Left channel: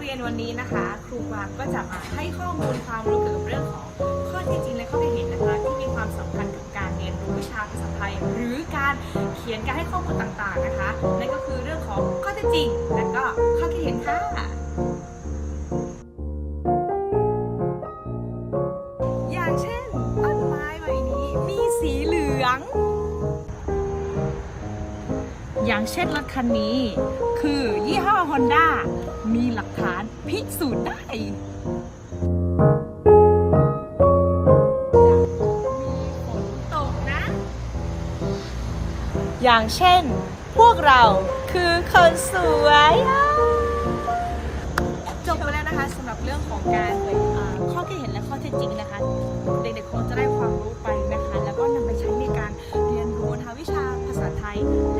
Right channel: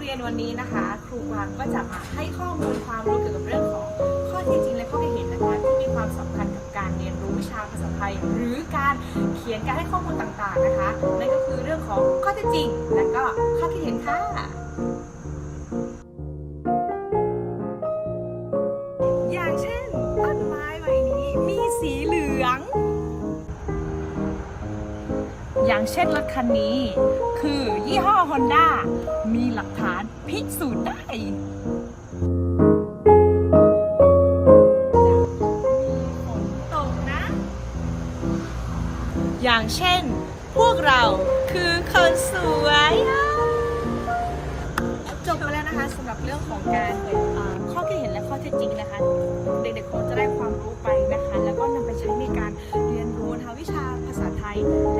เรียนวันนี้นะคะ ครูกวางก็จะมาให้ข้อมูลความรู้เกี่ยวกับเรื่องของข้อเท็จจริงและข้อคิดเห็นนะคะ ที่มีความสำคัญกับการเรียนรู้วิชาภาษาไทย หรือการเขียนการให้ข้อมูลต่างๆนะคะ นั่นก็คือเรื่องของข้อเท็จจริง และก็ข้อคิดเห็นค่ะอย่างเช่น ต้นไม้ใบนี้มีสีเหลือง อย่างเช่นรถคันนี้ คือยี่ห้อ Honda มี พิสูจน์ได้จะมีฝนตกนะอย่างเช่น พวกเราคือคนสวยอะจบมาแล้วนะคะสำหรับเรื่องของการอ่าข้อคิดเห็นและข้อเท็จจริงนะคะ เด็กๆคงจะได้ความรู้ไปนะคะ แล้วก็นำไปใช้ในการเรียนรู้นะคะวิชาภาษาไทยและ